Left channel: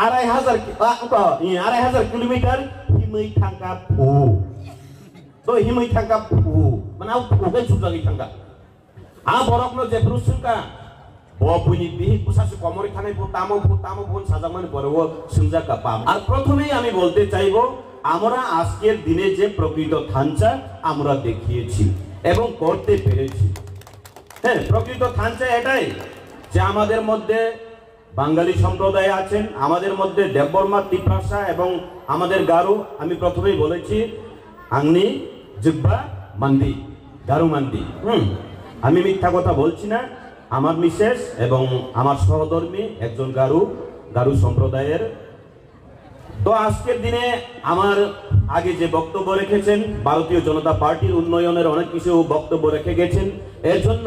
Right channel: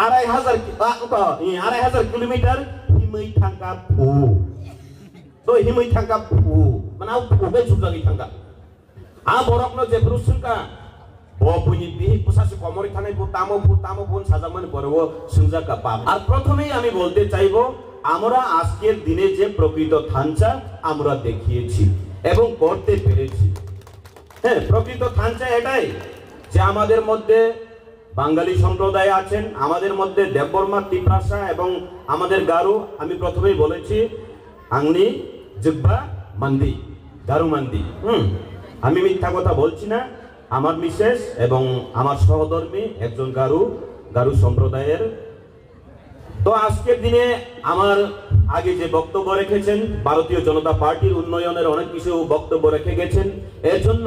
2,500 kilometer himai thangka phu to himai thangka phu mana phu ke jumlagi thangka borokno je brusunka buni bihi pusasi komori thanai tamo bun sajaman করব সুজাকা পাম আর প্রথমেই আমি বলতে চাইবো আমরা আজকের দিনে যে প্রকৃত থানচা আমরা দেখিয়েছি এবং করতে পেরেছি হ্যাঁ প্রকৃত থানচা এটাই যে আমাদের মধ্যে বাঙালি সম্প্রদায় আছেন আমাদের মধ্যে দেববর্মা তিপ্রাসা এবং আমাদের গারু আমি প্রথমেই বলেছি আংনি জিব্বা মান্দি গারু মান্দি আমি মিথ্যা কথা বলছি না আমার মিসেস এবং আমার সহধর্মী একজন গারু সম্প্রদায়ের তো আজকের দিনে আমার আগে যে বক্তব্য রেখেছেন ভারতীয় জনতা পার্টির উন্নয়নের অনেক কিছু বক্তব্য রেখে গেছেন এর জন্য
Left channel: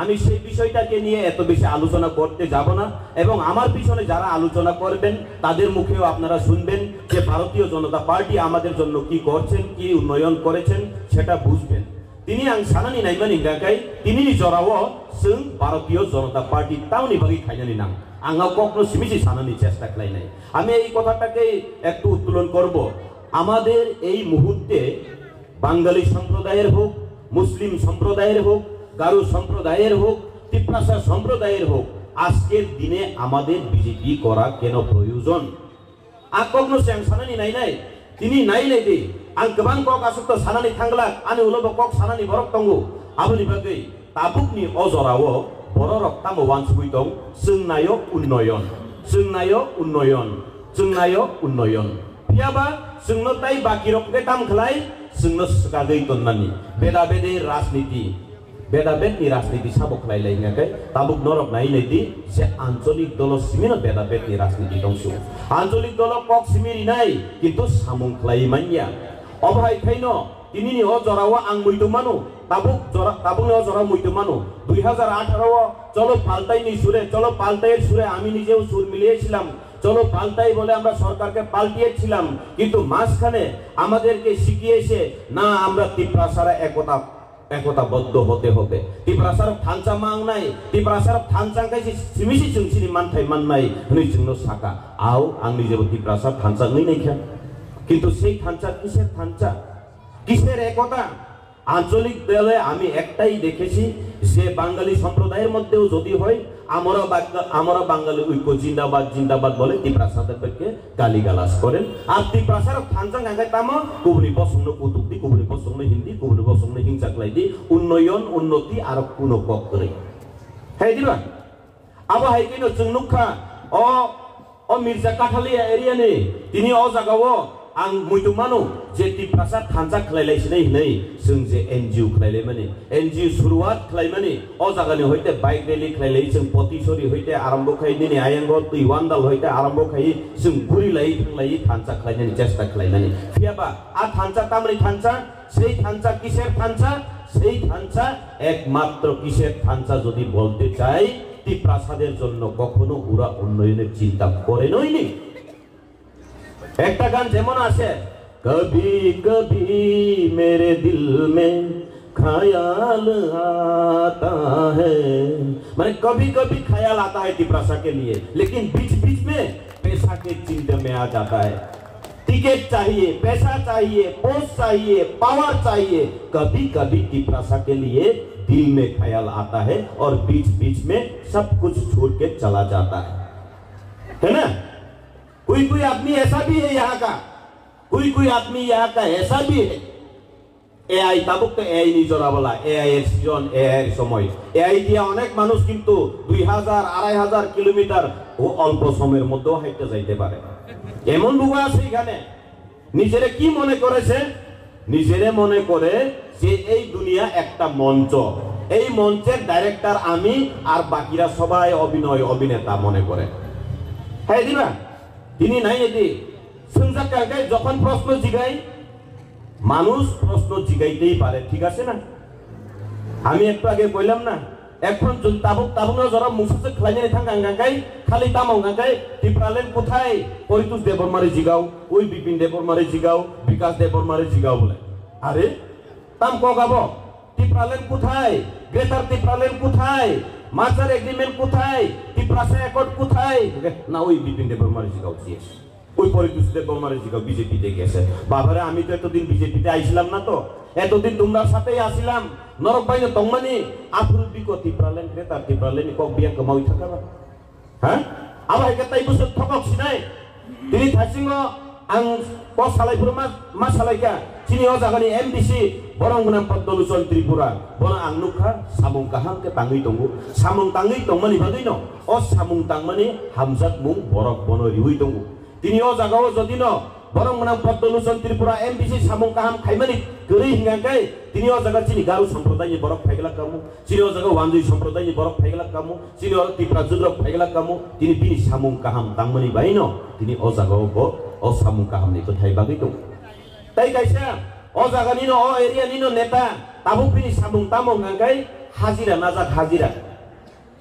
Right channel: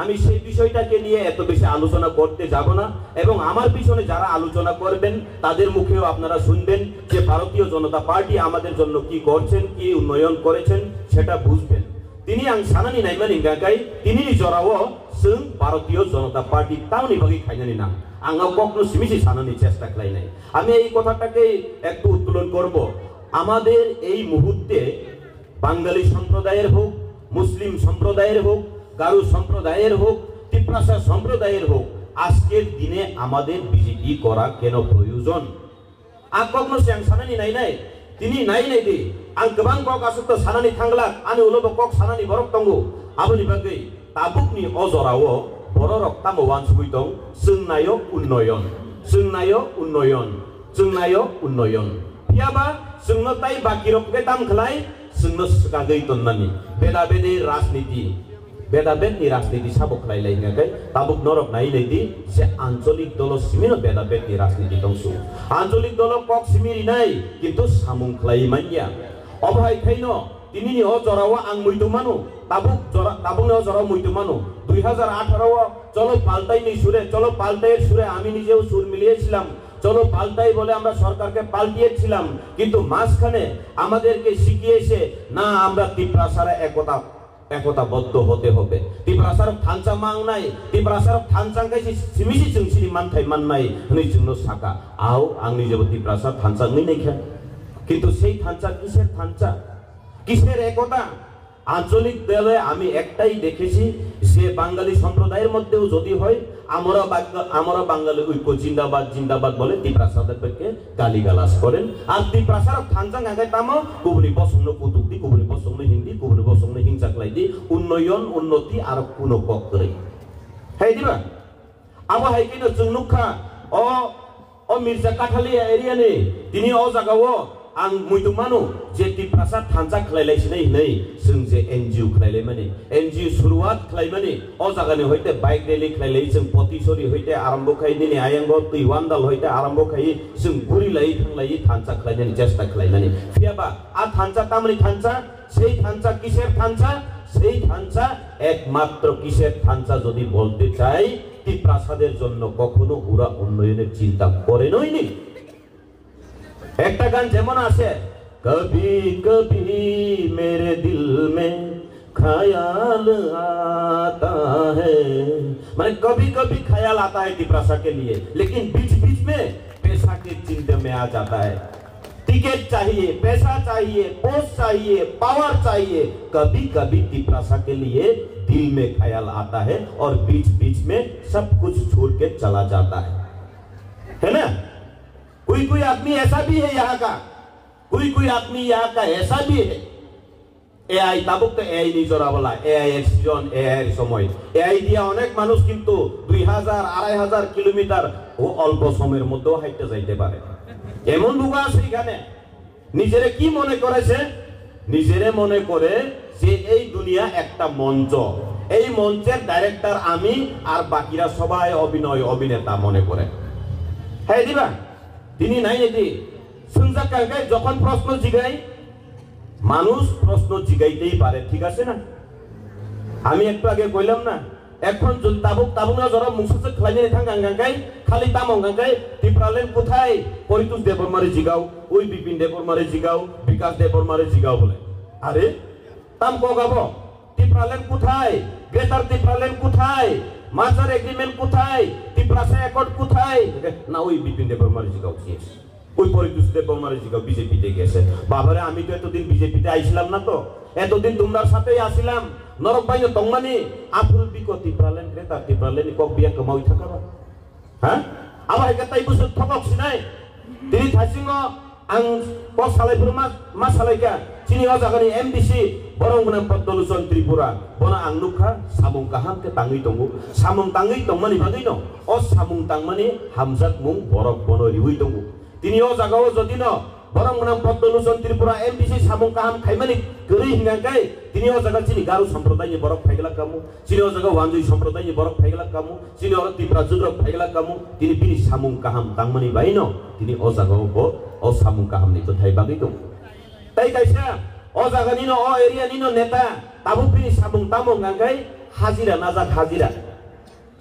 আমি সেই বিষয়টাকে নিয়ে এত বেশি আলোচনা করতে যাব না এবং আমার পিছনে যারা আলোচনা করবেন তাদের মুখেও আপনারা শুনবেন যে ভারতীয় জনতা পার্টি আমাদের জন্য কি করছেন কি উন্নয়ন করেছেন সেটা বুঝবেন তিনি আং সানানি নাইমানি গাগাই তিনি জরাও जों ভারতীয় জনতা পার্টি তাওনি বাগি খাইনানি নাম আঙ্গা কখনো সিমিসি সানানি চেষ্টা করাই নাই আমি এই কথাটাকে একটু উত্তোলন করব আমাদের এই মুহূর্তে বাঙালি সম্প্রদায়ের হোক মুসলিম সম্প্রদায়ের হোক গারু সম্প্রদায়ের হোক তিপ্রাসা সম্প্রদায়ের হোক আজকের দিনে আমাদের বিজেপি করা কেন প্রয়োজন আর কখনো সে সানানি নাই তিনি নাই দি আং গোবাং কক আসুক সানানি থাংলা আমি উলব কক সানানি বরক তঙ্গু আবুনি বাগै tabukni ojorao bororok tamo wansugui dong जोंनायो उन्नयन पियाबा जोंनो ताई बाकिरक के ताम खलाय जोंनो सगागै दन्नानि बेदाबेदि राजनीति साबक लायलायनायखाय ताबुक नरक नायनायदि जे आঞ্চলিক दल सिमिनो बेदाबेदि राजनीति दंसु आঞ্চলিক दल कक सिमिरि नाय किन्तु सामुं खलायमानिया अबहाय खायनो दिनैनि अजराव आं मैदुमानु তাবুক অজরাव मैदुमानु 2018 চলো পাল্টাইনি সুরে চলো পাল্টাইয়ের সুরে আমি নিজেও সুর মিলিয়েছিলাম চলো পাল্টাই বলে আমরা সরকারকে পাল্টিয়েছিলাম কিন্তু মাঝখানে আমাদেরকে শিখিয়েছে না আমরা তিপ্রাসারা একতাবদ্ধ হতে হবে তিপ্রাসার থানচা মাং নাই তিপ্রাসার থানচাংকাই সিমিসি जोंसिनि मानथाय माननाय हनै जोंनो साका आव आंनि जेबो तिप्रासार थानचा नैखा কিন্তু সেই থানচা কিসের একতা আঞ্চলিক দলে আমি একটাই দেখেছি যে বাঙালি সম্প্রদায়ের মধ্যেও যদি হয় আমরা বাঙালি ঐক্য জিন্দাবাদ বলে তিপ্রাসাদেরকে গালিগালাজ করেন আর তিপ্রাসার থানচাং আগে তামো গুবনি পছন্দ কুতুক্তি গুবনি পছন্দ হিন্দি গুবনি পছন্দ হিংসাকলাইদি উন্নয়ন উন্নতি আর কোনো কক করে হ্যাঁ দিবা আবো হাইকিনো जोंनुखा ও মির্জা কাঠালিয়া এরিয়ানি তিনি ও জায়গাও आं मैदुमानु जे तिप्रासा थानचा खलायलायसिनाय नै जों जे एनजिओ खलायलायमानि एनजिओ शुरुआत खलायमानि अ जागानि हयते बाइक रैली खलायलाय जों पतिसरी हयते आरम्भ खाय दिनै आयंगल तुइवानदाल हयते आरम्भ खाय जों गुरिलाय थांलाय थानचा खलायनायनि चेष्टा खलायनानै फियाबा आ थानचा तामनि थानचा সেই थानचा किसेर थानचा সেই थानचा एकमात्र किसेर थानचा যদি বলতে চাই তিপ্রাসাদের জন্য কখনো ওরা উন্নয়নের চিন্তা করে নয়নি একটা গান যেমন আছে কবি কবি মেরে দিল মে ख्याल आता है माने कभी कभी ख्याल आता है तिप्रासा के लिए लेकिन बीच बीच में पैसा के चिंता में आ जाता है टिकट चाहिए पैसा चाहिए पोस्ट चाहिए पावर चाहिए कभी कभी तिप्रासा के लिए दिल में ख्याल आता है और बीच बीच में सब कुछ छोड़ के चला जाता है ना कोई आदमी ऐसा भी है यहाँ का कोई आदमी यहाँ का ऐसा भी है एआई ताबुक तो एआई नहीं जोड़ा बोला एआई एর সিজন এআই এর সময় এআই দিয়া অনেক মানুষ কিন্তু 2000-2500 কিলোমিটার ও অল্প সময়ের মধ্যে হাইটে যাইতে পারে এমন লোক আছে এখানে নিজেরে কি মনে করেছে নিজেরে মনে করে যে এই দুনিয়া একটা মঞ্চ এই মঞ্চের ডাইরেক্টর আমি আর বাকিরা সবাই অভিনেতা মনে করে হ্যাঁ দিবা তিনি নাই এটি সুনজাকাকে যখন প্রশ্ন জিগাই মানুষ প্রশ্ন জিগাইতেই পারে ঠিক আছে না আমি একটু আগে কইলাম না এখন তাবুক যারা মুসুসে খাইনে থাঙ্গাঙ্গাই খালি তামঙ্গাঙ্গাই টিপ্রালেন কোথায় পরিতুষ দেববর্মারে জিগাও ওই বিপিন দেববর্মারে জিগাও বিকাশ দেববর্মারে জিগাও বলে আরে তাম কগাবো টিপ্রালেন কোথায় গ্রেটার টিপ্রালেন কোথায় মার্জার এগ্রিমেন্ট কোথায় ত্রিপুরা অ্যাকর্ড কোথায় না ওই বিপিন দেববর্মার জিগাও ওই পরিতোষ দেববর্মার জিগাও বিজেপিতে গেছে বাবারে আমি তো এতদিন বিজেপিতে আইছিলাম না তো এতদিন তোমরা সাথেই আসিলাম নরক বাইনে তংমানি আফুল বিকো ত্রিপুরালেন ক্রেতা ত্রিপুরালেন কক বিয়া কমাই থাকা হ্যাঁ আবার তাই বুঝে ঠকক সিনাই তিনি থাইসিংহ আং পস সালাইফুর মা সালাইকা চিনি ও জাগানি এমডিসি বরং নাম পদ্মলোচন ত্রিপুরা বনা আং নুখা সামুং কাহামকে তাঙ্গই দङ সামুং তাঙ্গই দংমানি বাগै ন ও সামুং তাংমানি হামজাত মুং বরক বন রিহুই দङ তিনি ও জাগাও যদি ন বরং নাম পদ্মলোচন ত্রিপুরা এমডিসি সামুং কাহাম খাইমানি গরি হিঙ্গাঙ্কাই তিনি ও জাগা চিনি গারু সম্প্রদায়নি বরক ফাইগলা কামু চিনি ও জাগা ওয়ানজুই সম্প্রদায়নি বরক ফাইগলা কামু চিনি ও ত্রিপুরা জুদ্রক ফাইগলা কামু তিনি বিনি সামুং কাহাম তাংমানি বাই ন তিনি ও জাগাও ব ও সামুং কাহাম ni কোথায় বাগৈ দङ তাই কাইসা ও জাগা নিনো ও এরিয়া নিনো নেতা তাবু বিনি সামুং তামং নাঙ্গাই হাজিরা নাজাক হাজিরা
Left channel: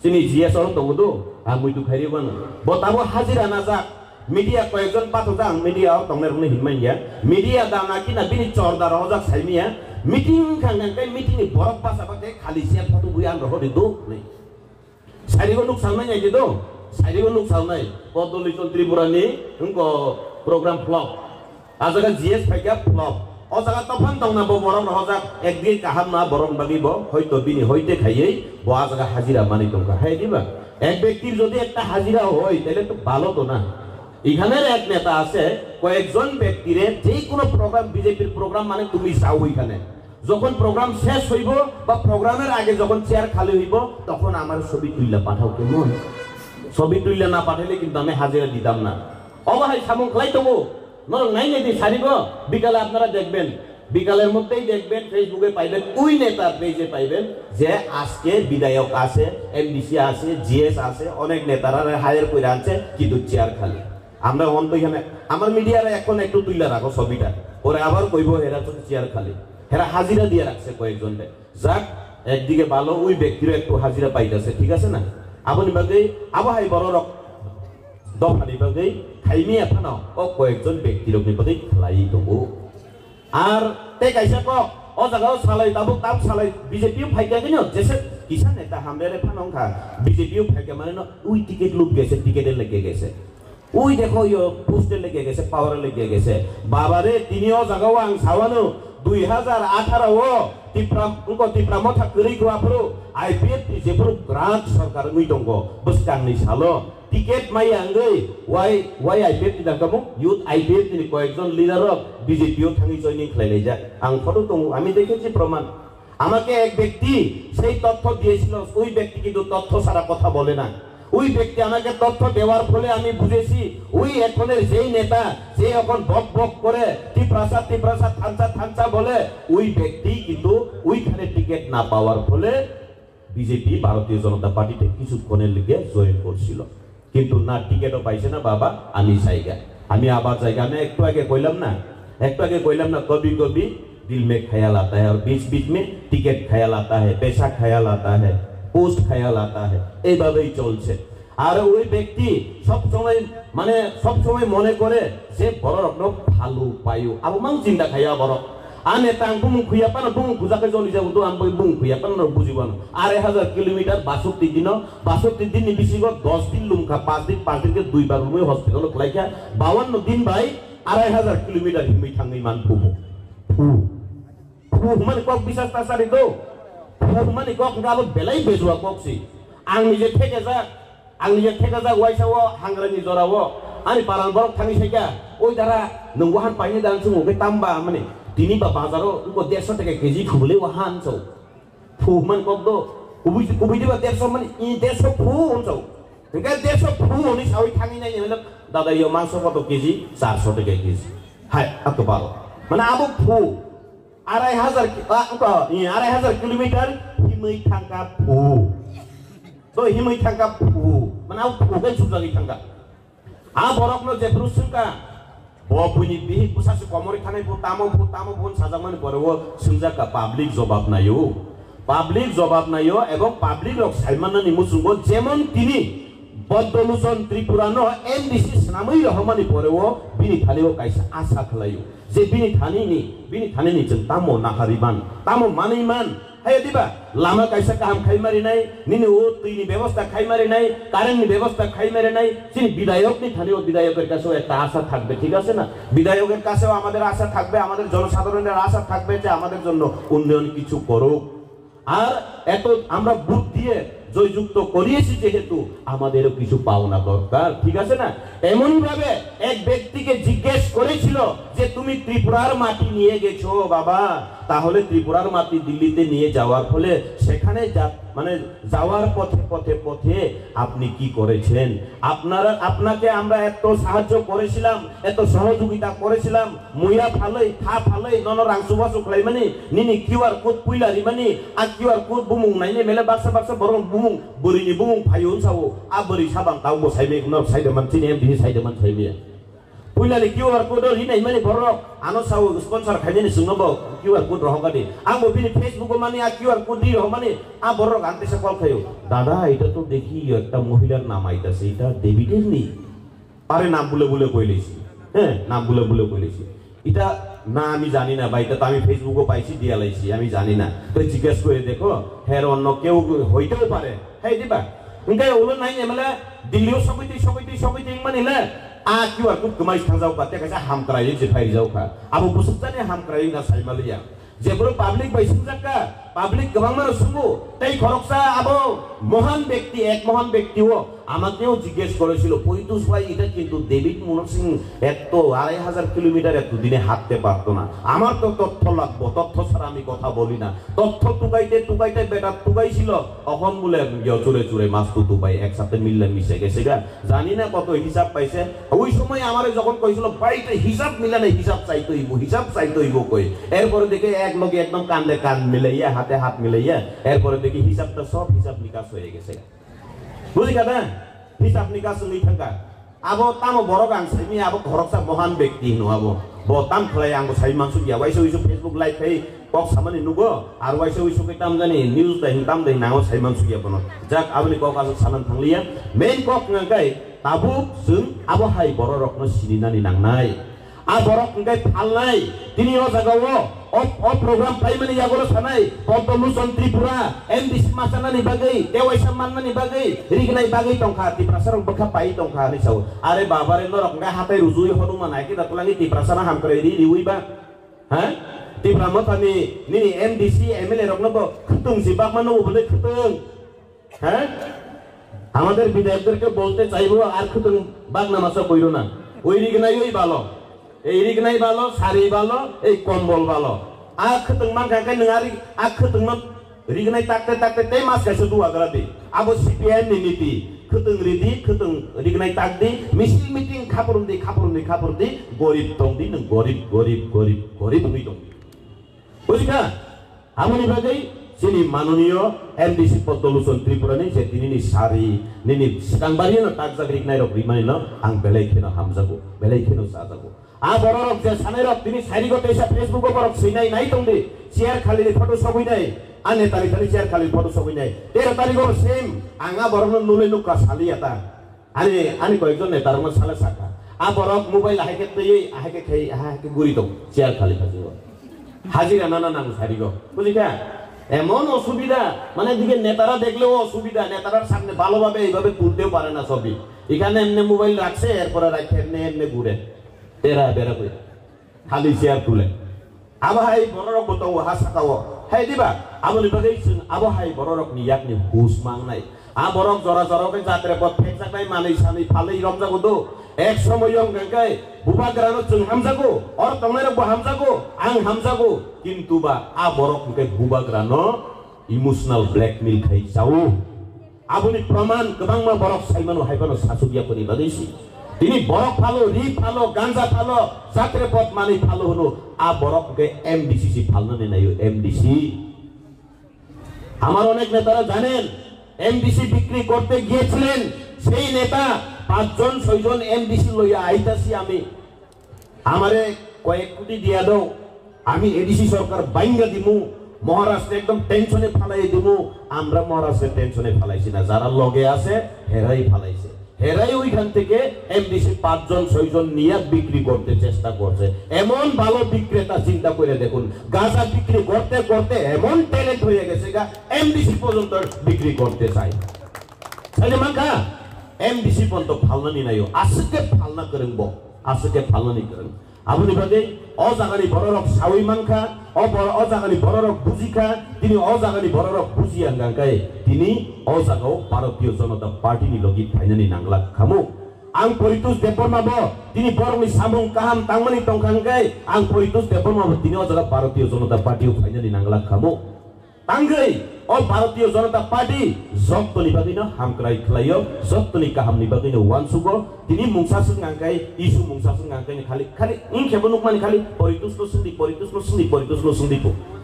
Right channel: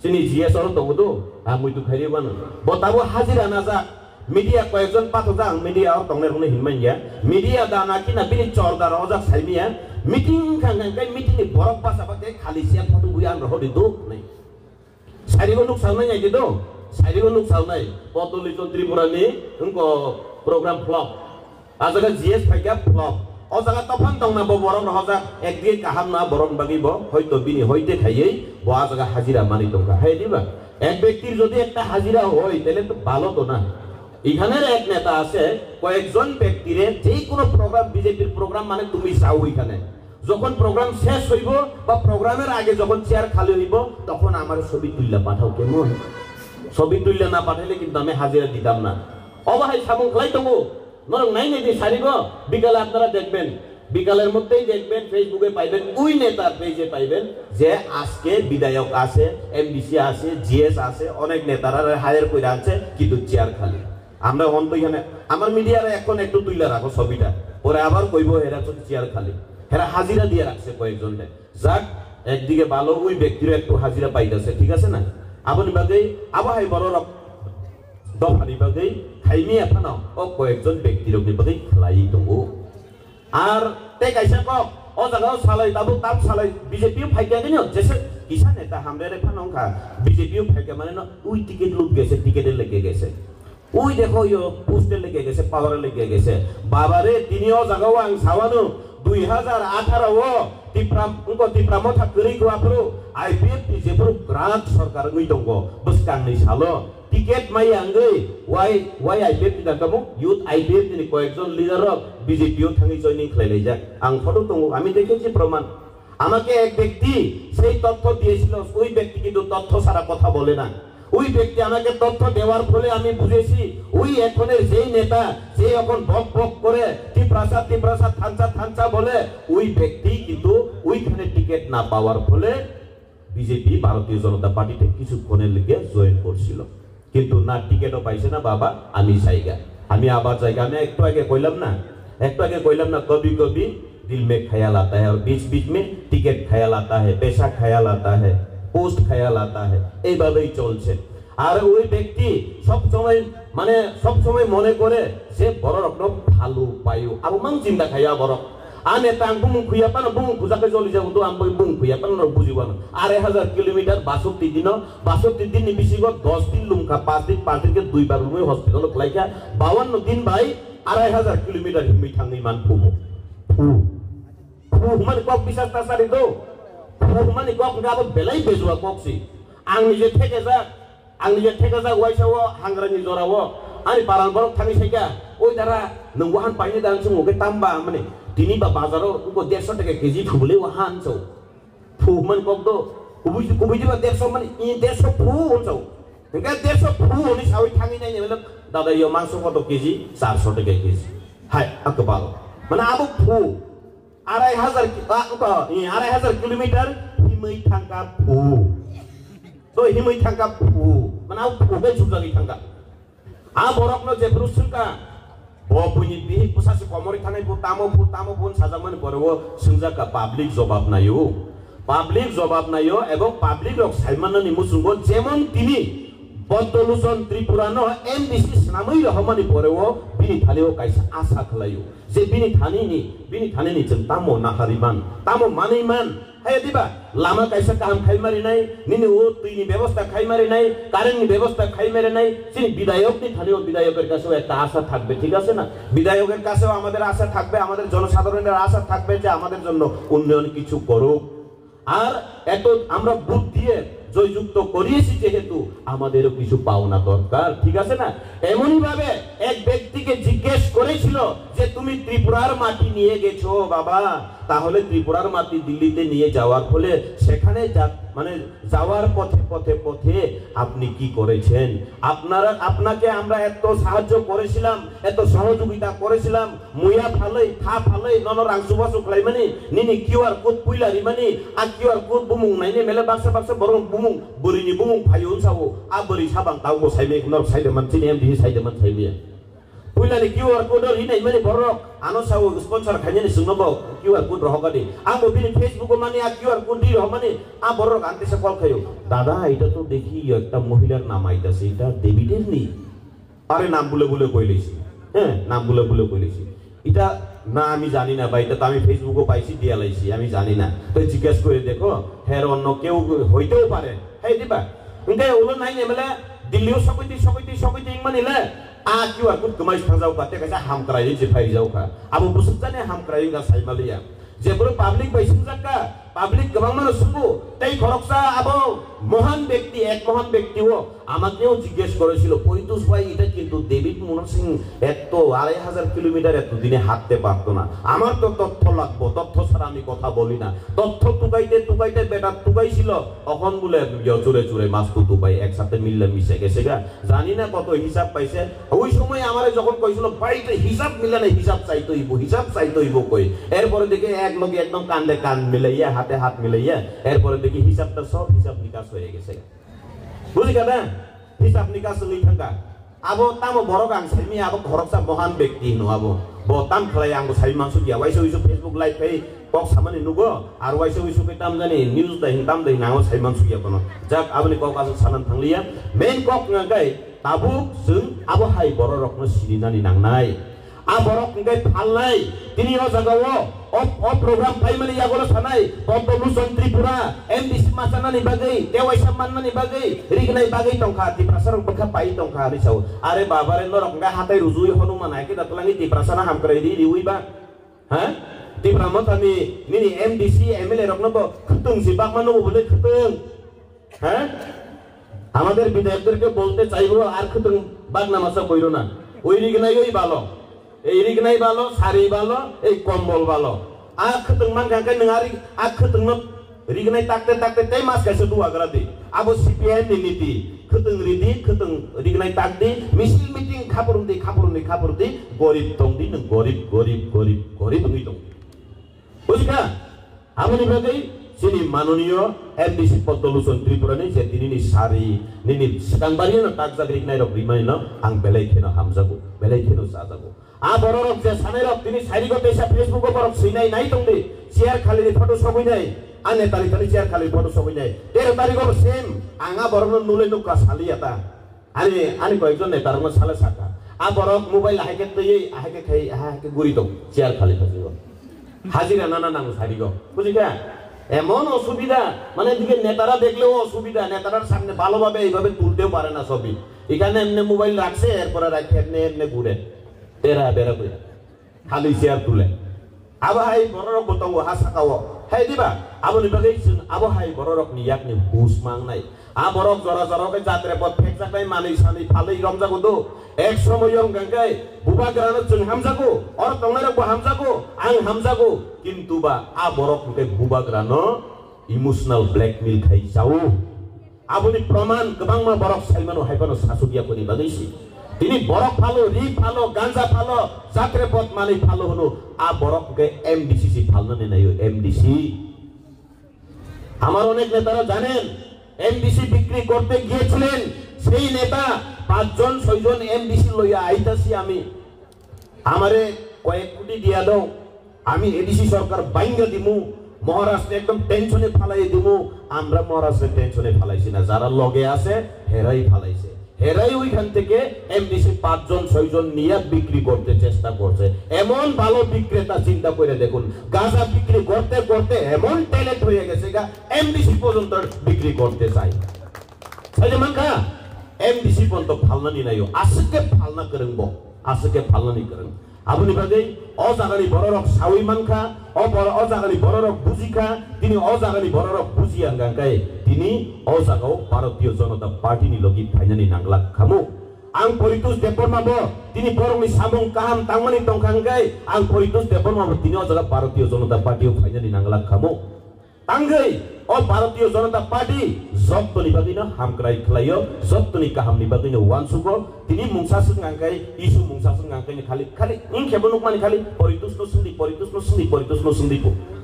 চিনি জিএস অর দङ তো আমি তো ফাইরি বানো ব তাবু হাজিরা নাজাক media কয়েকজন পাতক media তংনের কোনো হিনমান গিয়া media দানা কিনা বিনি চরদার অজাক সাইমিয়া মিটিং খাঙ্গাঙ্কাই মিটিং এ বরফ পাসাবাকে খালি সিয়াল ফটো বুয়া আন রহদি দো নাই সাইরিগো নুক সাউনাই আইদি দো সাইরিগো নুক সাউনাই পদ্মলোচন ত্রিপুরানি উনকো প্রোগ্রাম ফ্লপ আজাga জিএস ফাইকা ফ্লপ অজাগা তখন তংনা ব বরং রহজাক একদিন কাহাম না বরং বাগিব হয়তো বিনি হইতে খাইয়েই ব আজাগা হাজিরা মানি দরকার হাই দিবা এক ব্যক্তির যদি একটা হাজিরা হয় তাহলে তো ভালো তো না এখানের এক নেতা আছে কয়েকজন ব্যক্তিরে যেই কোনো প্রোগ্রাম বিজেপির প্রোগ্রাম মানে তুমি যাও ওইখানে যখন প্রোগ্রাম শেষ হইব বা প্রোগ্রামের আগে যখন চেয়ার খালি হইব তখন আমার ছবি তুইলা পাঠাও কেমন ছবি তুইলা না পাঠাইলে কিন্তু আমি হাজিরা দিতাম না অবহাই সামুং খাই দেবো নাই নেই সারিব বিকালে আপনারা দেখবেন বিকালের মধ্যেই দেখবেন ফেসবুকে পাইবেন ওই নেতার পেজে পাইবেন যে আজকে বিধায়ক আছে এমডিসি আছে জিএস আছে অনেক নেতারা হায়ার করে আনছে কিন্তু চেয়ার খালি আমরা অন্ত এখানে আমার মিডিয়ারে এখন একটু তুইলা রাখো ছবিটা ওরা আবার কইব এরা তো চেয়ার খালি এরা হাজিরা দিয়ে রাখছে কয়েকজন যাক একদিকে ভালো ওই ব্যক্তিরও একটু হাজিরা পাইতেছে ঠিক আছে না আপনি বাদে আবহাই বড় রক দফানি বাদে খাইমি এখন ও কয়েকজন ব্যক্তির বাদে খেলাই দেবো আর তে কাইসা ক ও জায়গা সালাই তাবো তাপ সালাই বিজেপিও ফাইকা দিন যেসে কিসা নেতা হামরে ফানংখা বিজেপিও ফাইকা মানে না ওই টিকিট লুক গেছে টিকিটে লেগে গেছে ওই দেখো ইয়ো পোস্টে লেগে গেছে পাওয়ারে লেগে গেছে বাবারে তিনিও জাগাও আং সাওয়ানো 2018 ও ত্রিপুরা মথা করি গোয়াপুরো আইপিএফ যেপুরো গ্রান্ট সরকার গই দঙ্গ বসকাংনি সালো টিকেট মাই আঙ্গৈ ওয়াই আইপিএফ দিদাকামু ইউথ আইপিএফ তিনি কয়েকজন লিডার বিজেপিও থাঙ্গি জয়নিং খাইলাই যায় আং ফটো দঙ্গ আমি দেখেছি প্রমাণ আমাকে এক ব্যক্তি সেই তথ্য দিয়েছিল ওই ব্যক্তি কিন্তু তথ্য ছাড়া কথা বলে না ওই ব্যক্তি আমাকে তথ্য দেওয়ার ফলে আমি বুঝেছি ওই এখনের যেই নেতা যে এখন বক বক করে ত্রিপ্রাসাদ থানচা বলে ওই ব্যক্তি কিন্তু ওইখানে টিকিট না পাওয়ার ফলে বিজেপি ভারতীয় জনতা পার্টিতে কিছুক্ষণের লিগে জয়েন করছিল কিন্তু না টিকিটও পাইছে না বাবা আমি জায়গা আমি আবার জায়গা আমি একটু আগে কইলাম না কবি কবি दिल में ख्याल आता है और बीच बीच में टिकट ख्याल आता है पैसा ख्याल आता है পোস্ট খেয়াল আতা হে এইভাবেই চলছে আর ওই ব্যক্তি সব সময় মনে করে সে বড় রকম ভালো পাইও আর মাং চিন্তা খাইয়া বড় আনে তাং বুং খুইয়া পান বুং খুজাকে চলি যাব তো আমি বুং খুইয়া পান বুঝিব না 1000 কিলোমিটার 62 দিন বেশি 10 দিন লুমকা 5 দিনকে দুইবার রুমে হসপিটাল লাইকা 52 দিন ভাই 2500 কিলোমিটার হিমি থাঙ্গি মান ফু মানে কক বিশ্বাস তাসারি দো মানে কক গাব বেলাই বেজুয়া ককসি आं নিজে থেকে যাক ওয়াইসাও হাংরানি জরাও আনি পারান বরক থামি সাইকা ওই দারা নংওহান পাইনি দান সঙ্গ বে তাম্বা মানে তিনি বা বাজারও উকো 150 টাকা কেজি ফুলে ওহান সো ফুমান কক দো উবুই দিবা 150 মানে 150 ফু হনসো একা 150 ফু হনি সাউই থামি নাই নেলে দাদা ইয়ো মাংস কত কেজি 400 টাকা কেজি হাই আতো ভালো মানে আবু ফু 2500 কিলোমিটার হিমই থাকা ফু তো হিমই থাকা ফু মানে আবু ফুকে সুজাগি থাকা আ বরকনো যে ব্রুসুকা ও বুনি বি পুসাসি কমরে থানাই তামো বুন সাজামান বরও সুজাকা পাবলিক জবাব নাইও এবং পাবলিক রক সাইমানানি মুসুঙ্গ যেমন তিনি Bantoluson Tripura no MDC Samui Rahmani Poreo Bini Thalio Kaisa Asa Khalayo Je Bini Thani ni jeng tamo nakariban tamo maniman hey diba lama kaisa kam khai mari nai nini o tuini ব্যবস্থা khai mari nai current ni ব্যবস্থা khai mari nai তিনি বিধায়ক ni থালিও বিধায়কের কাছেও একটা আশা থাকবে ঠিক আছে না বিধায়কের কাছেও আমাদের আশা থাকবে আমাদের জনসাধারণের আশা থাকবে যে আমাদের জন্য উন্নয়ন কিছু করুক আর এত আমরা বুদ্ধ দিয়ে জয়যুক্ত করিয়েছি যেহেতু আমাদেরও কিছু পাওনা দরকার ঠিক আছে না এমনই ভাবে এক ব্যক্তিকে জিজ্ঞেস করেছিল যে তুমি ত্রিপুরার মাটি নিয়ে গেছো বাবা তাহলে ত্রিপুরার মাটি দিল্লিতে নিয়ে যাওয়ার ফলে সেখানে মানে যাওয়ার পথে আপনি কি করেছেন আপনাকে আমরা এত সাহায্য করেছিলাম এত সহযোগিতা করেছিলাম মুয়া ভালোই থা ভালোই নন রাংসুবাসু খাইমানি নিনি কিউআর কোড পুইলারি মানি আর কিউআর কোড বুমুং নাইনে মেলে বাক্সা বরং বুমুং বরিনি বুমুং ফাইউন সাও আ বরি সাবাং তাও মো সাইবে কুনার সাইদে মান চিনি এমডি সাইদে মান সাইবে পুইলারি কিউআর কোড রিনাই মানি বরং আনো সাও স্পন্সর খাইনি সুনবো কিউআর কোড রহগানি আমো বিনি ফেসবুক মানি আর কিউআর কোড দি রহমানি আ বরং আনতে সে কল খাইও দাদা এটা তো দেখি একটা মহিলার নাম আইতাছে এটা ডেভিডের নি আরে নাম বলে কইলেছি হ্যাঁ নাম বলে কইলেছি এটা না আমি জানি না ভাই এটা তো আমি ফেসবুকে পাইছি দিয়া লাইছি আমি জানি না তো জিজ্ঞেস করে দেখো হ্যাঁ অন্য কেউ হইতেও পারে হ্যাঁ দিবা ইনকে ওলো নাই এমলে দিল্লিও সকুইতি মানিলে আ কিউআর কোড কমাই থাজাও কাতে কাছে হামক্রাই যে ফাই যাও কা আবো বুসুজানে হামক্রাই না সাইমালিয়া যেগুলো পাবলিক বাইসিং জাকা পাবলিক গোবাং মানুষ শুনবো তাই খরকসা আবো মহান ব্যক্তিও আমাকেও জিজ্ঞেস করেছিল পৈতুষ ভাই এটা কিন্তু ডেভিড মোহন সিং এত 2500 কিলোমিটার এত দিনে হাঁটতে পারতো না আমার তো তথ্য লাগবো তথ্য ছাড়া আমি কথা বলি না তথ্য টুকাইতে বেটা টুকাইছিল এখন বলে চুরে মাছ টুকাই একসাথে মিশে গেছে গা জানি না কত হিসাব পাইছে ওই সময় আমারে যখন কইছিল ভাইতে হিসাব মিলে না হিসাব চাইতইব কই এরপরে দেখে এক লগে একদম কান্দে কান মিলাইয়া হাতে হাত মিলাইয়া এরপরে দেখি হিসাবটা সব হিসাব নিকাশ হয়ে গেছে বুঝি কাদা হিসাব নিকাশ নই থাকা আবো তামো বড় গান সাইমি আবো ঘরকসা মহান ব্যক্তি নো আবো বতাম খেলাই আঙ্গো সাই মানসু গিয়া ওয়াইসো ফেসবুক লাইভ খাই কক সামানি নুগো আর ওয়াইসো কে তাম জানি নিউজ দাই তাম দাই নাও সাই মানসু গিয়া কোন যাক আবনি কক আজ সানান থাংলিয়া মেইন কক ngagai tabu sung abo hai boro rokno sininani nangnai a borok ngai phalnai tini o jagawo o program paimani yagolo sanai Bantoluson Tripura MDC masanani bagai dewaisa mannani bagai rignai bagai tongkha tiprasarang bekha pai tongkha ni sau are babare norok ngai hatai rujui honuman ai kita tulangi tiprasana hamkrai riui ba ha tipramo tani nini MDC MLA rokno bo khutung jibak manu bole khutung ha আমাদের বিধায়কদেরকে বলতে চাইবো আর খুতুন বাগনামাসা কইরো না ওই রিগনাই ওই ভালো এই রিগনাই ভালো সারি ভালো এই কম্বল ভালো আর খুতুন মান কাকে নঙারি আর খুতুন রিগনাই তাকতে তে মাস কাছে দুয়া গরাদি আবো সিপিআই নীতি খুতুন রিগনাই তাকদি মিটিং খাপরুন্দি গরিব তংদি ন গরিব হই দং বুঝিকা আমনি বাগৈ sini manunio MDC Bantoluson Tripura ni je tini ni sari nini sedang bari no taksa rignai rok rimai no ang belai kheno hamjago belai kheno sajago a borok je sanai rok tini sari go tesa Facebook ko borok sinai nai tongde share khali ni photo soboi nai ane tari share khali photo soboi nai 13 tari go same anga borok no nule no ka sali ata ani koijon ne tarma sala saka a borok mobile ahake tei ahake khei ahake guri to share khali hajigo hajira nana nang sari go বুঝিকা এমন অসুবিধা মানে দিকে নেতারা দেখলেও অসুবিধা নেতারার সামনে ভালোভাবে এইভাবে তুলতেও পারে না ছবি এখানে এমনি মোবাইল রাখছে এরপরে রাখে এমনি ঘুরে এরা বেরা করে খালি চেয়ার তুলে আবহাই বড়রক বতাও হাসাকাও হে দিবা আমনি বাগৈ আবহাই বড়রক নিয়াকনি হুস মাংনাই আ বরক জরা যাত্রে পথ ফেক জাকাই মানি সানি ফালাই রমজাগো দো এক সময় গাঙ্গাই বুবা গ্রানো जों হামজাগো অর তংনারে বো হামজাগো আং হামজাগো কিন্তু বা আ বরক কে বুবা গ্রানো ইমোশনাল ব্ল্যাকমেল খাই যাও আবনি প্রমাণ গবাং মা বরক সাইমানো হাইবানো সাসুবিয়া করি বাগৈছি তিনি বরক ফালো রি ফালো গাঞ্জা ফালো যাত্রে পথ মানি ফালো হলো আ বরক কে এমডিসি ফালনে নাইও এমডিসি আমার অনেক নেতারা জানেন এমডিসি বিক্রি করতে গিয়েছিলেন সেই নেতা 5 জন 6 জন এমডিসি লইয়া আইতাছি আমি আমারে কয়েক কোটি দিয়া দাও আমি এডিসি সরকার বাইঙ্গা দিমু মহারাষ্ট্রে একদম টেনশনে ফালাই দিমু আমরা মহারাষ্ট্রে টেনশনে ফালাইছি না যারা লগে আছে হেরাই ফালাইছে হেরাই ওইখান থেকে এমডিসি 5 জন 6 জন নিয়ে বিক্রি করতে চেষ্টা করছে। এমন ভালো বিক্রেতা চিন্তা করে দেখুন, গাঁজা বিক্রি করতে করতে এমন ট্যালেন্ট হয়ে গেছে গা এমডিসি পর্যন্ত বিক্রি করতে চাই। তাহলে মাখা এমডিসি পর্যন্ত ফালনানি নাই, আজকে ফালনা করেন আজকে ফালনানি করেন আপনি বাদে অজাগানি বড়রক সাউই মাংখা অজাগানি বড়রক বুঝিখা তিনি অজাগানি বড়রক বুঝি আঙ্গাঙ্গাই তিনি অজাগাও ভারতীয় জনতা পার্টি ni logi ফাইনানি নাংলাক খামু আং পরিতুস দেপরমাবো তিনি বরংনি সামং কাহাম তাংমানি তংখাঙ্গাই আং পরিতুস দেপরমাবো তিনি অজাগা ভারতীয় জনতা পার্টিও ফাইনানি নাংলাক খামু তাঙ্গাই ও ভারতীয় জনতা পার্টি জবতনি বাদিনো হামক্রাই খ্লাইও জবতনি কাহামনি বাদিনো ওয়ানসুগো তিনি মুংসাসুং আঙ্গাই ইসু মুংসাসুং আঙ্গাই খালি খালি ইন খেবনুক মানে খালি পরিতুস সুন্দি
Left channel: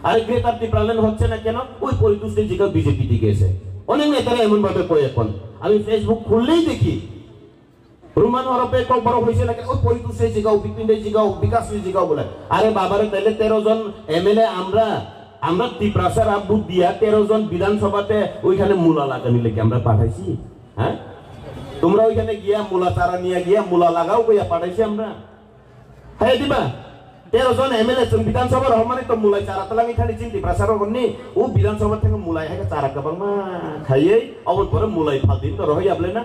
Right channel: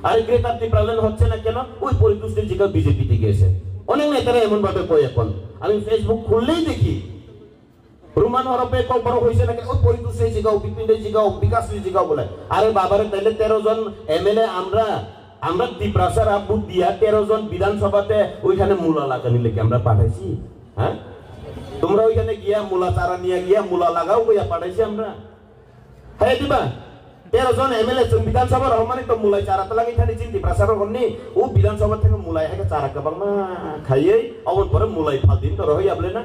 আর গ্রেটার টিপ্রালেন হচ্ছে না কেন ওই পরিতুসের জায়গা বিজেপি তে গেছে অনেক নেতারা এমন ভাবে কয় এখন আমি ফেসবুক খুললেই দেখি রুমান হরপে কল বড় হইছে না ওই পরিতুসের জায়গা বিপিনের জায়গা বিকাশের জায়গা বলে আরে বাবারে তাইলে 13 জন এমএলএ আমরা টিপ্রাসার আব্বু দিয়া 13 জন বিধানসভাতে ওইখানে মূলা লাগানি লেগে আমরা পাঠাইছি। হ্যাঁ তোমরা ওইখানে গিয়া মূলা চারা নিয়ে গিয়া মূলা লাগাও কইয়া পাঠাইছি আমরা। হ্যাঁ দিবা 13 জন এমএলএ বিধানসভার রহমানে তো মূলাই চারা লাগাই খালি চিন্তি প্রাসার করনি ও বিধানসভা থেকে মূলাই হেকে চারা কাবাং মা খাইয়ে অবল পরে মূলাই ফাদিন তো রহই আবলে না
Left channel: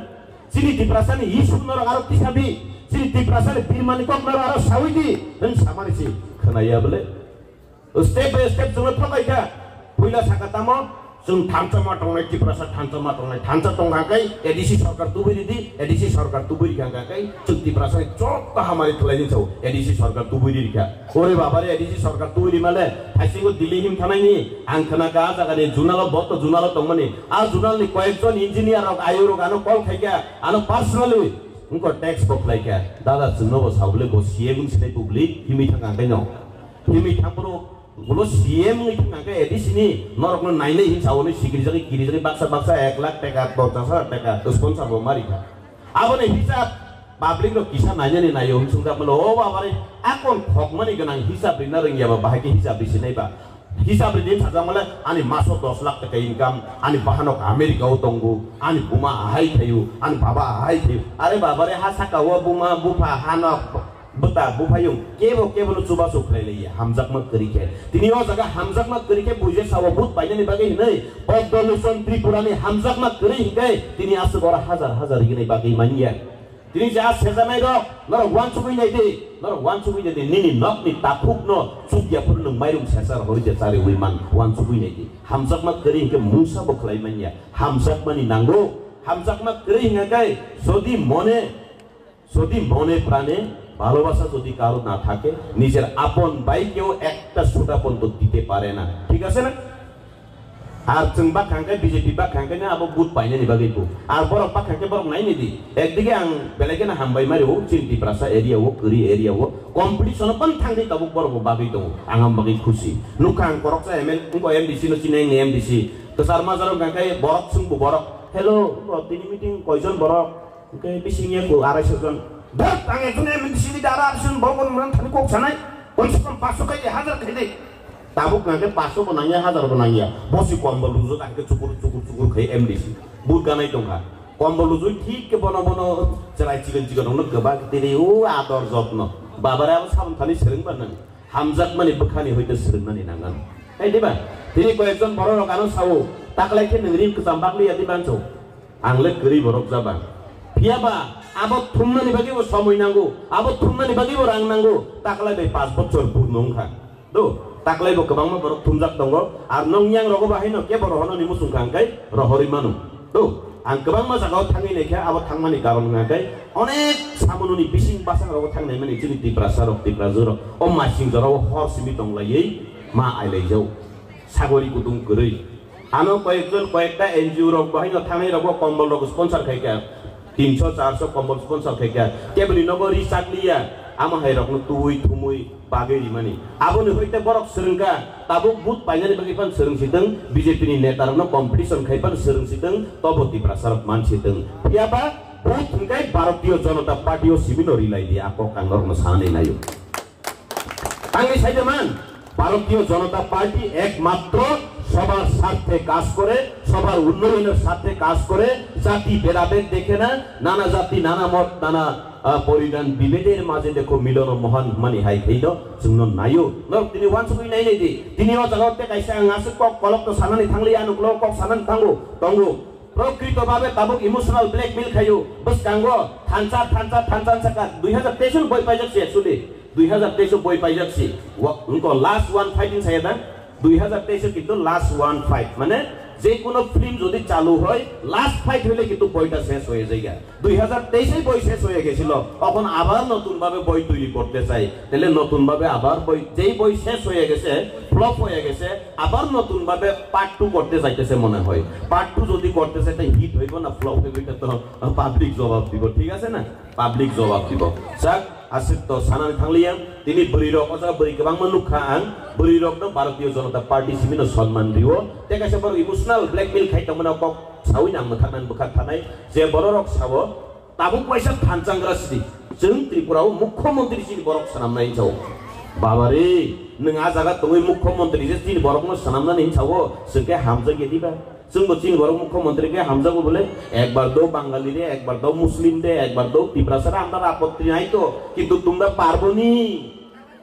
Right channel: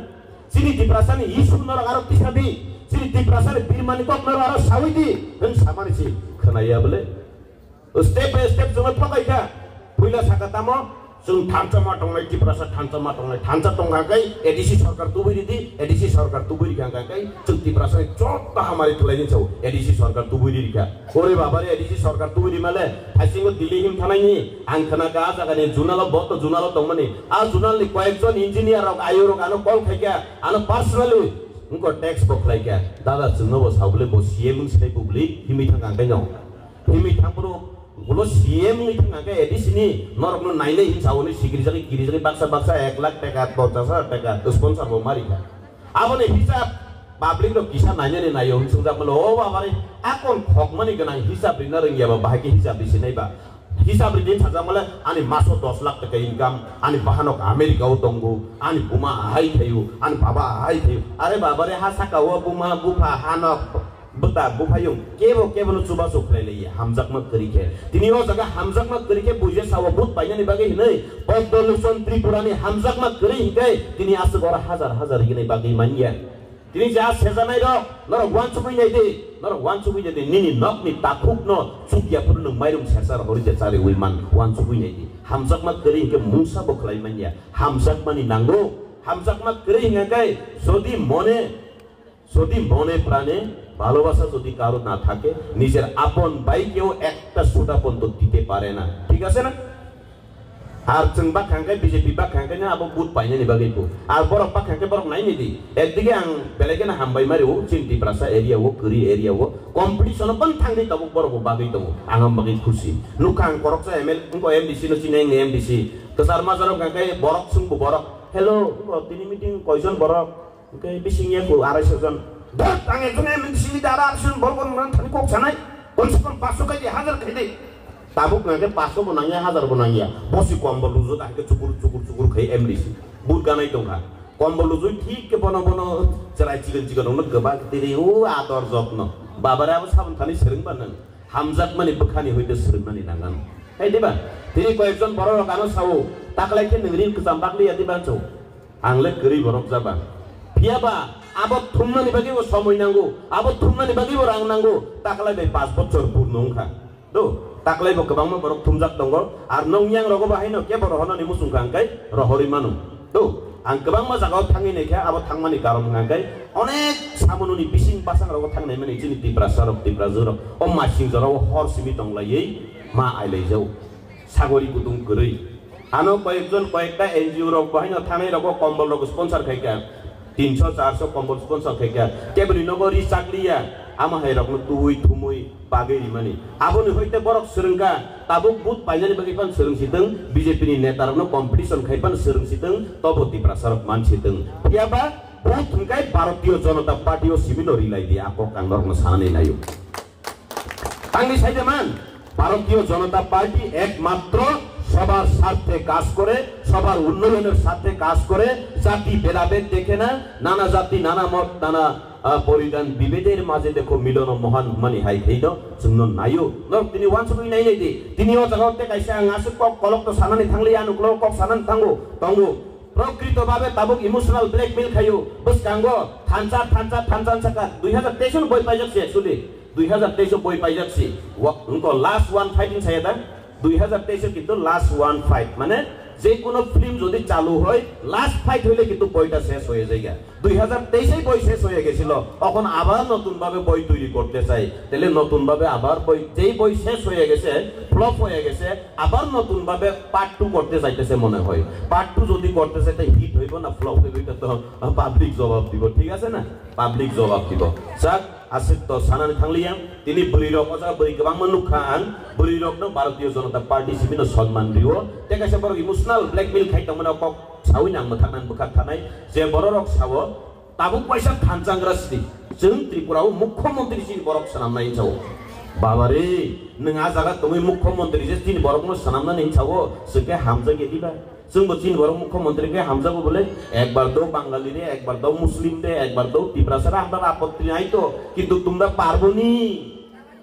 চিনি টিপ্রাসানি ই সুন্দর আরো কিসাবি চিনি টিপ্রাসার বীরমানি কমনার আরো সাউইদি দেন সামানিছি খানাইয়া বলে step by step जों फलायखा पहिला साकातामो जों थांचामा टंगनाय टिप्रासा थांचामा टंगनाय थांचा टंगाखै एडिसि सरकार तुबुरिदि एडिसि सरकार तुबुरि खांगाखै जों टिप्रासा चोक्का हामारि थलायनि छौ एडिसि सरकार तुबुरि रिखा ओरे बाबारे एडिसि सरकार तुबुरि माले थाइसिंगो दिल्ली हिम थानायनि आंखना गा जागानि जुनाल बत जुनाल तंगमनि आ जुनालनि कयेकजन इन्जिनियर आयुरो गानो कल खायका आनो पर्सनली उनको टैक्स बखलायका दादा जोंनो सावले गो सीएम सिनाय पुब्लिक हिमि थांगाखै न हिमि थांबरो बोलो सीएम नि थांगाखै एडिसिनि नरकनो नायनै हिसावनि सिगिरिजानि किरिजानि बाक्सा 1 लाख टाका 50,000 टाका स्पन्सर बो मारिखा आबोनि हिसाब पाब्लिक रो किसा नायनै नायो हुनसुंदा बोलो ओ बाबारे आकोन खकमानि गनां हिसाब रिना रोंगियाबा बाहायके हिसाब दिसिनायबा हिसाब रिदिन थाजामले आनि मासो 10 लाख टाका इनकाम आनि बाहानक आमेरिकाव दंगो आनि बुमा हाय थायो आनि बाबा हाय थायो अरे बाबारे हा साकाव बुमा बुफा हानक बता बुफायु केबो चुबा सुखलायलाय हामजाकमत करिके तिनि ओ जगा हामजाकमत करिके बुजे सावबुत बायनानि बागै नै पद्मभूषण त्रिपुरानि हामजाकमत करि हिके तिनि आस गरा हजार हिनै बागै मानिया तिनि जा सेजानाय र नर वान सुबुइ दे निनि नकनि ताफुकनो सुगियाफोरनो माइरुं सेसार हरिजे चाले उइमान वान सुबुइ दे हामजाकमत करि हिके मुसा बखलाय मानिया हामजाकमानि नांगौ हामजाकमत करि हिंगाय যদি মনে প্রাণে ভালোবাসা যদি কারো না থাকে নিজের আপন ভাইকেও একটা সোটা পর্যন্ত দিতে পারে না ঠিক আছে না আর চিংবা খাঙ্গে বিজেপি বা খাঙ্গে না আবো বুট পাইনে নিবা গেতো আর বড় পা খাঙ্গে বড় নাই নিদি একদিকে আং বেলেগে না হামবাই মারিও চিন্তি প্রাসা এরিয়া ও করি এরিয়া ও কম্পিটিশন পন থাঙ্গি তাবো বড় বাগৈ দমু আঙাম বাগৈ খুশি নুখাং করকসা এমএল ইনকো এমডিসি নো চিনাই নে এমডিসি তো সারমা জরম গাঙ্গাই বড়ক সুংবো বড়ক हेलो তিনি মিটিং কয়জন বড়ক ओके बिसिङिया को 250 जन दा आं एखने मिसिनि दारा आरसिन बरगन मान थानि कक सानाय कमसेकम 500 खाइ 1000 खाइ ताबुक नागे 500 बनाया 1000 बनाया बसि कम्बल लुजु ताके चुकुर खाइ एमडिसि बुट गानाय दंहा कम्बल लुजु ठीक के बनो जराय चिगन न गोबा दिरि ओ आदर जत्न बाबाराबो साबन थानि सेरं बानन हामजाक माने बखानि होइदो सेरंनानि नांगान हाय देबा तिनि कयजन बर कानो सावो ताकलायखे नरिन कजामबागलि यादि बानसौ आंले गरि बरक जाबा पियाबा आबो थुमनानि बागैबो समय नांगौ आबो थुमनानि बागैबो रां नांगौ ताकलाय 5 बछर पुरनंखा दो ताकलायबो गोबां बरक थुमजाक दङ आर नंयां रगो बाहायनो के बर हननि मुसुंगांगाय रहरि मानु दो आं गोबां मोजाङाव थाङैनायखा आबो थांमानि कारन नागाय अनेक सामनुनि बिसिं पासां रगो थांनाय माने जोंनि टिप्राजर अ मासिं जराव हरसिबि दंलायै मा आइलायजौ सागरि गुदुं गरै आनो कयेकटा एनजिओ रग बाहायनो थांनाय रगो कम्बल रग स्पन्सर खायका 300-400 कम्बल स्पन्सर खायका केबलि नगरी चाकलिया आमा हायरकनो तुइ थुमुइ बागैरि माने आबोनि होइते बरक सोरंगा ताबुक बुत पाइनानि बागैफान सोरंसिदों बिजेपिनि नेतारनो कम्पिटिशन खायफान सोरंसिदों तबति प्रसारक मानसिदों पियाबा बुत थुंगाय भारतीय जनता पार्टीओ सिमिनो रिलाय दिया आको कांगरनो सानै नायो आंनि साइदेमान भारतीय जनता पार्टी एकमात्र সবার স্বার্থে কাজ করে, সবার উন্নয়নের স্বার্থে কাজ করে, জাতি ভেদাভেদ দেখে না, নানা জাতি নানা মত নানা পরিধান বিভেদের মাঝে দেখো মিলন মহান মানে হাই হেইদ জন্য নাইও নর তিনি ওয়ানসুই নাই নাই দি তিনিও জগতে কাইসা ngasuk kok kolok to sanani thangli anu kolok kok sanan thangu tonggu প্রকৃতভাবে Tabuk emotional blackmail খাইও বস কাঙ্গো থানচা সাকা 2023 বই পাই যাচ্ছে আসলে 2023 বই পাই যাচ্ছে উনকো লাস্ট ওয়ান ফাইটিং সাইদা 2023 কিন্তু লাস্ট ওয়ান ফাইট মানে যে কোনো ফিল্ম যদি চালু হয় লাস্ট ফাইট হইলে কিন্তু বইটা শেষ হয়ে যায় 2023 বই শেষ হয়ে গেছিল তখন আবার নতুন ভাবে বই তৈরি করতে চাই তাহলে নতুন ভাবে আবার বই যেই বই শেষ হয়ে গেছে ফ্লপ হয়ে গেছে আবার নতুন ভাবে পার্ট 2 করতে চাইতেছে মনে হয় পার্ট 2 যদি করতে চাই তাই হিট হইব না ফ্লপ হইব এটা তো পাবলিক জবাব দিব ঠিক আছে না পাবলিক জবাব দিব যাক আসিত তো সানানি থাংলিয়া তিনি বলিরক অজা বই গোবাं মানুষ খান বলিরকনো ভারতীয় জনতা পার্টি সিমিনো সম্মান দিও তেকাছে বড় ইমোশনাল ব্ল্যাকমেল খাইতামনা কক সাউই নাম থানাन बुखार थानाय जे बररक सावो ताबुक पैसा थानचांग्रास्ति जों त्रिपुराव मुख्यमंत्री सिन बरक सानामनाय जाव बाबारे नोंहा जागा दङै मुख्यमंत्री जे तीन बरकनो सानामनानै जावो जोंके हामजा गेदिबा जोंबो तीन बरक मुख्यमंत्रीके हामजाबो बोले एकबार दो बांगाली रे एकबार दो मुस्लिम दे एकबार दो तिब्रासारा আমরা আপত্তি নাই তো কিন্তু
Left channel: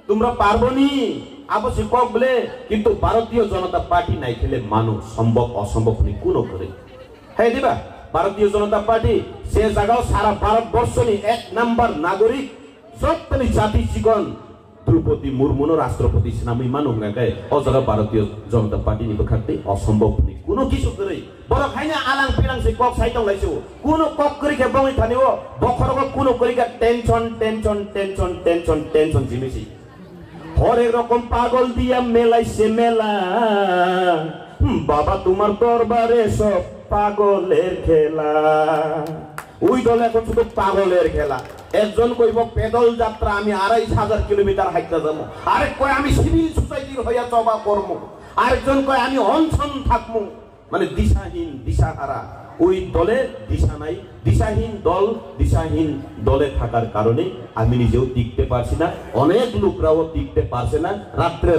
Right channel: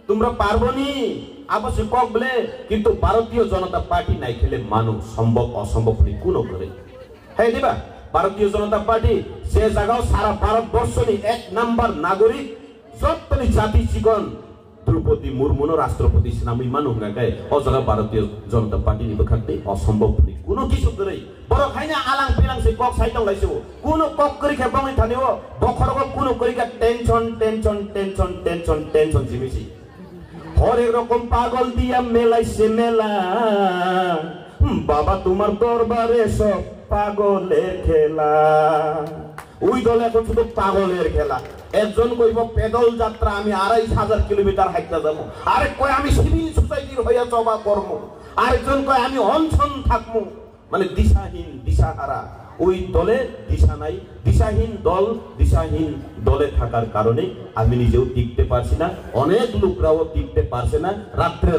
তোমরা পারবনি আবশ্যক কক বলে কিন্তু ভারতীয় জনতা পার্টি নাই খেলে মানুষ সম্ভব অসম্ভব নি কোনো করে হ্যাঁ দিবা ভারতীয় জনতা পার্টি সে জায়গাও সারা ভারতবর্ষনি এক নাম্বার নাগরিক সত্যি জাতি জীবন দ্রৌপদী মুর্মুনো রাষ্ট্রপতি নামই মানুষ গায় ও জায়গা ভারতীয় জনতা পার্টি নিবে খাতে অসম্ভব নি কোনো কিছু করে বড় খাইনা আলাং ফেলাং সে কক সাইতং লাইছো কোনো কক করি খেবাই থানিও বখরক কোনো করি টেনশন জিমিছি হরেক রকম পাগল দিয়া মেলাইছে মেলা বাবা তোমার দরবারে সব পাগলের খেলা ওই দল এখন শুধু পাগলের খেলা একজন কইব পেদল যাত্রা আমি 2500 কিলোমিটার হাইটা যাব আরেক কয় আমি সিভিল সোসাইটির হইয়া চবা করব আরেকজন কয় আমি অনশন থাকবো মানে দিশাহীন দিশাহারা ওই দলে দিশা নাই দিশাহীন দলে থাকার কারণে আমি নিজেও টিকতে পারছি না অনেক লোকরাও টিকতে পারছে না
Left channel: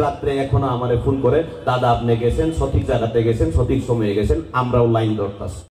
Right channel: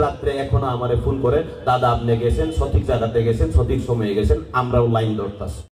রাত্রে এখনো আমারে ফোন করে দাদা আপনি গেছেন সঠিক জায়গাতে গেছেন সঠিক সময়ে গেছেন আমরাও লাইন ধরতাছি